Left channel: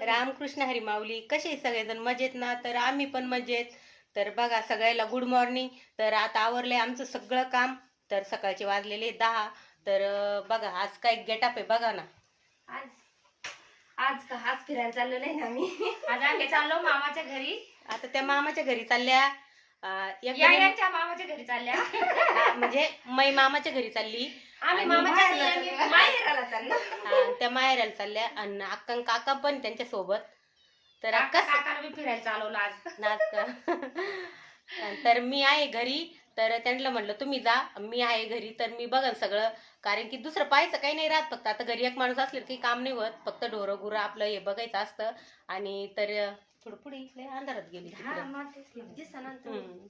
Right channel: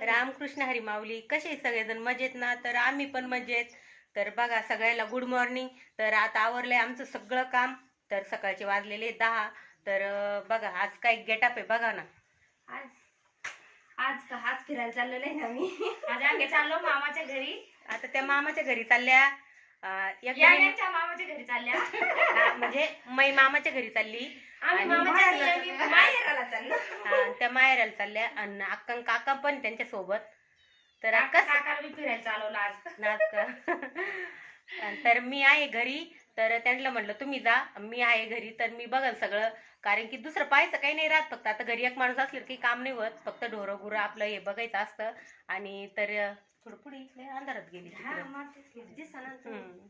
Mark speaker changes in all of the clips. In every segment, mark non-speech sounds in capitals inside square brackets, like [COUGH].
Speaker 1: रामकृष्ण हरी माऊली कसे सगळेजण? मजेत ना? तर आम्ही पण मजेत. तर बघा सगळ्याला गुड मॉर्निंग तर आता आवरलंय आमचं सगळं काम. तर सकाळचे वाजलेले दहा. तर बघा आज काय गेटअप आहे बघा ना.
Speaker 2: आज आज का आज फिरायला चाललेलो आहे ना आम्ही.
Speaker 3: आज आम्ही चाललो मामाच्या घरी.
Speaker 1: आता त्या मामाच्या घरी चालल्या. अं, एक
Speaker 3: या यांच्या मामाच्या घरी चालल्या.
Speaker 1: म्हणजे मै मामाच्या घरी चालली.
Speaker 2: आम्ही मामाच्या.
Speaker 3: माहेराला चाललो.
Speaker 1: हा, त्या माहेराला चालल्या आणि अक्का आणि काका पण त्यांच्यासोबत. तर
Speaker 3: काका-
Speaker 1: कस
Speaker 3: काकाला बी फिरायला चालवलं आज.
Speaker 1: नाच तर मी आहे घरी तर त्यांना म्हटलं तुम्ही जा मी आहे घरी तर मी बघन सगळं. कारण की दुसरं पाहायचं काही नाही राहत फक्त आता घरी एक माणूस असलं काही काम नाही होत. फक्त ढोरं गुरं आपलं हे बघायचं असतं. आणि तर थोडं पुढे इकडे अंधारात गेली तिकडं.
Speaker 2: तू.
Speaker 1: हम्म.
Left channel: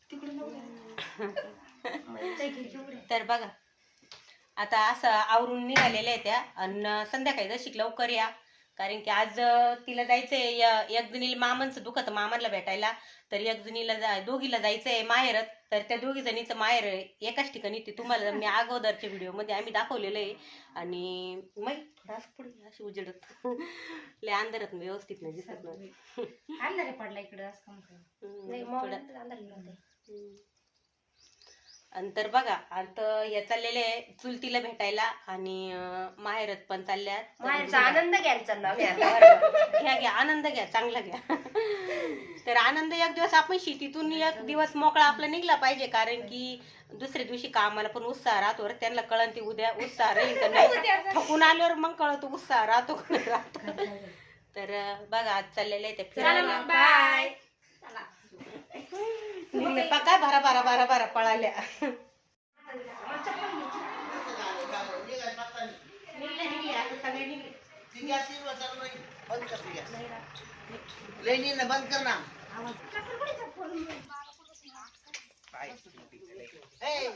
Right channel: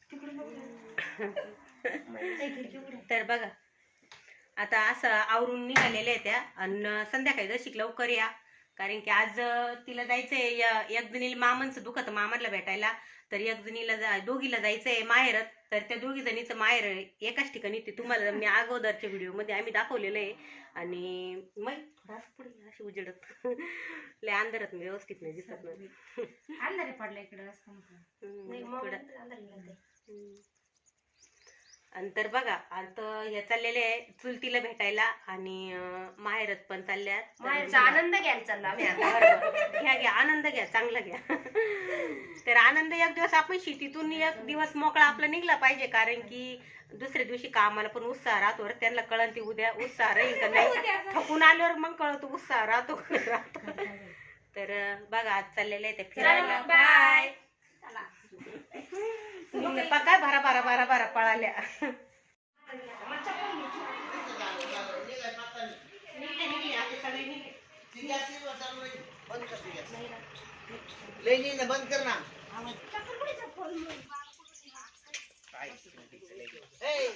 Speaker 1: [LAUGHS] [LAUGHS] तर बघा आता असं आवरून निघालेल्या आहे त्या. आणि संध्याकाळी जर लवकर या. कारण की आज तिला जायचंय एक जणीला मामांचं दुखत मामाला भेटायला. तर एक जणीला जा दोघीला जायचंय माहेरत. तर त्या दोघी जणीचं माहेर एकाच ठिकाणी. ते तुम्हाला मी अगोदरच्या व्हिडिओमध्ये आम्ही दाखवलेलं आहे. आणि मग थोडा असं पुढे अशी उजेडत. [LAUGHS] लय अंधारात व्यवस्थित नाही दिसत ना.
Speaker 3: अंधारे पडला इकडे
Speaker 1: तर बघा. आता हे चाललेले आहे चुलतीला भेटायला आणि माहेरात पण चालल्यात
Speaker 2: माहेरचा आनंद आम्ही आता
Speaker 1: बरोबर. घ्या घ्या. आनंद घ्या चांगला घ्या. तर आनंद एक दिवस आपण शेतीतून एक दिवस मोकळा आपला निघला पाहिजे. कारण की दुसऱ्या दिवशी कामाला पण उत्साह राहतो बरं. त्यांना कळण ती उद्या उत्साह राहील का नाही. थकून आल्यावर मग कळतो उत्साह राहतो का नाही राहतो. तर बघा आज चाललेले आहे ते फिरायला.
Speaker 3: बाय
Speaker 1: निघले. पा काय भरा भरा भरा भरा पळाल्या.
Speaker 4: ने बंद करना हे,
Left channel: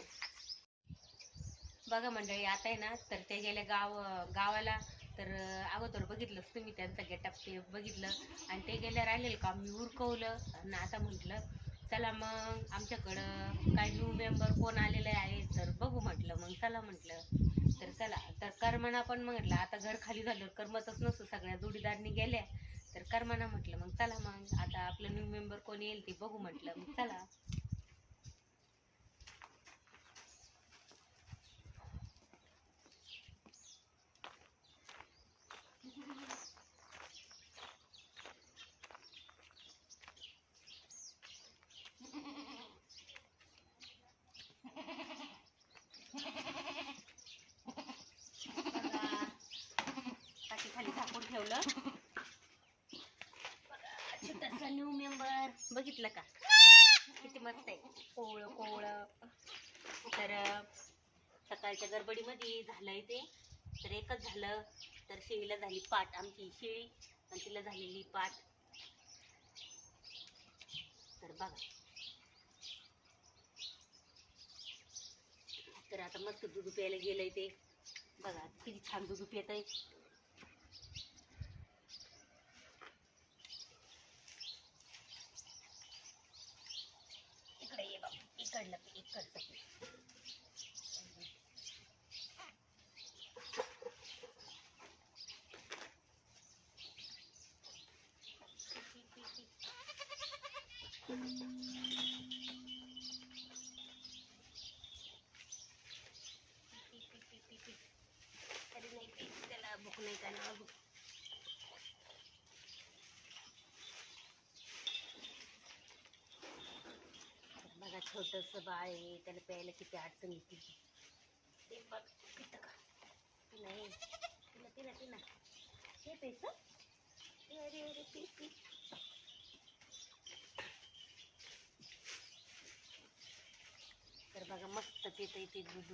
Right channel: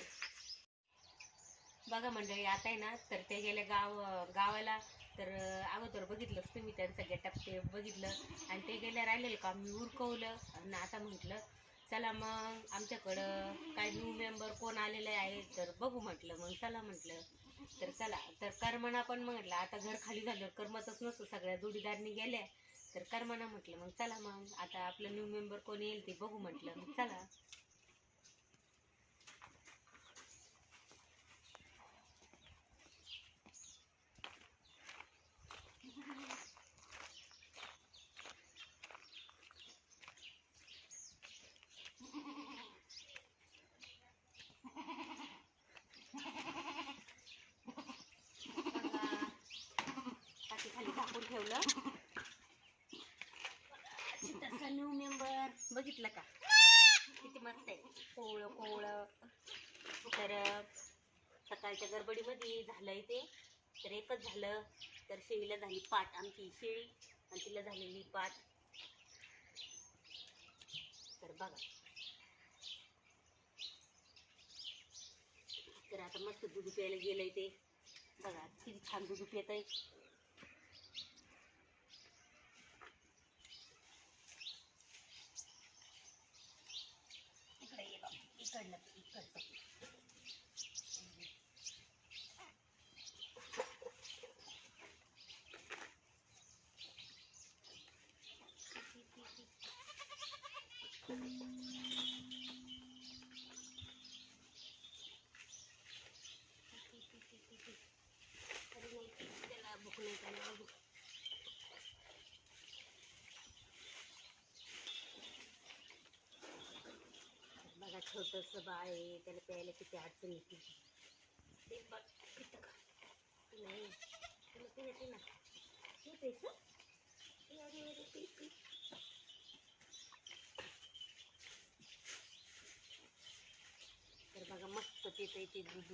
Speaker 1: बघा मंडळी आता आहे ना तर ते गेले गाव गावाला. तर अगोदर बघितलंच तुम्ही त्यांचा गेटअप ते बघितलं. आणि ते गेलं राहिलेलं काम मी उरकवलं. आणि आता म्हटलं चला मग आमच्याकडं काय न्यू मेंबर कोण आलेलं आहे तर बघू म्हटलं. मग चला म्हटलं तर चला. तर करमना पण म्हटलं आता घर खाली झालं कर्मतच नसतो. सगळ्या जोडीदारनी गेल्या. तर करमना म्हटलं मग चला मग आता आपलं न्यू मेंबर कोण येईल ते बघू म्हटलं. मग चला टाकी खाली झाकून ठेवलं. छोटासा न्यू मेंबर बघितलं का? किती मस्त आहे. कोवळं कोवळं. तर सकाळच्या गडबडीमध्ये झालंय ते. तर एकच झालं. तर शेळीला झाली पाट आमची शेळी. आणि तिला झालेली पाट. तर बघा. तर आता मस्त दूध प्यायला गेलंय ते. बघा किती छान दूध पियत आहे बाबा इकडलं ते, इकडचं ते. पी, पी, पी, पी, पी. अरे नाही पी, त्याला भूक नाही त्याला भूक बघा छोटंसं बाळ आहे त्याला प्यायला किती अडचण येते. ते बघ पितं का? नाही तुला पिना पिना हे पेस अरे अरे पी पी. तर बघा मस्त पितं ते दूध.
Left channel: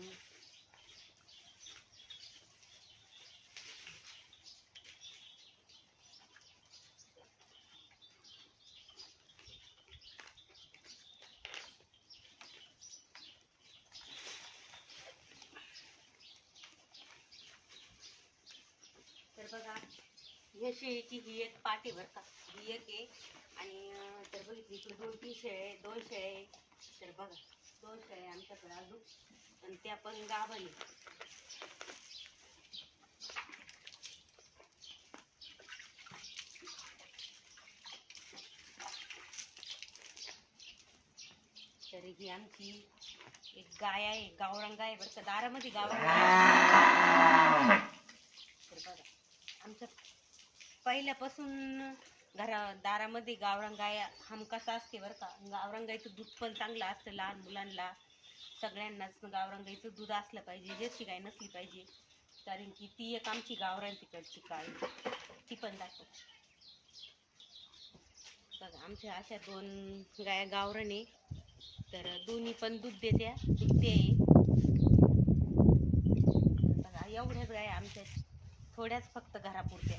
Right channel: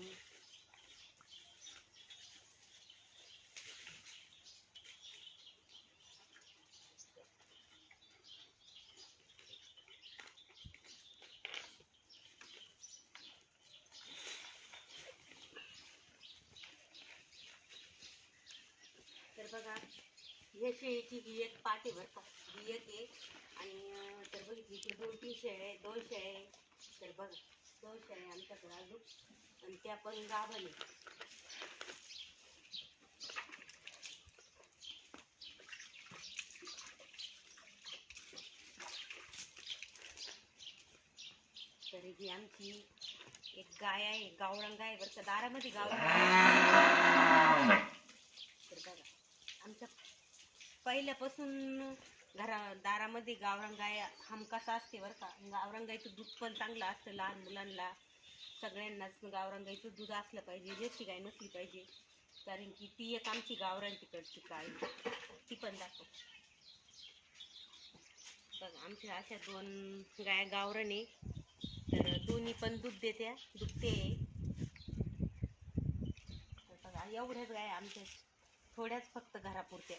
Speaker 1: बघा या शेळीची ही एक पाटे बरं का ही एक आहे. आणि तर बघितली इकडे दोन तीन शेळ आहे दोन शेळ आहे तर बघा दोन शेळ आहे आमच्याकडे अजून. आणि त्या पण गाभाने तर ही आमची एक गाय आहे गावरान गाय बरं का दारामध्ये गावरान आमच्या पहिल्यापासून घरा दारामध्ये गावरान गाय हमकासा असते बरं का. गावरान दूध पण चांगलं असतं लहान मुलांना सगळ्यांनाच गावरान दूध असलं पाहिजे जशी गाय नसली पाहिजे. कारण की ती एक आमची गावरान तिकडची काळी. ती पण दाखव बघा आमच्या अशा दोन गाया गावरान आहे. तर दोन्ही पण दूध देत्या दुखते आहे बघा एवढ्याच गाय आमच्या थोड्याच फक्त घरापुरत्या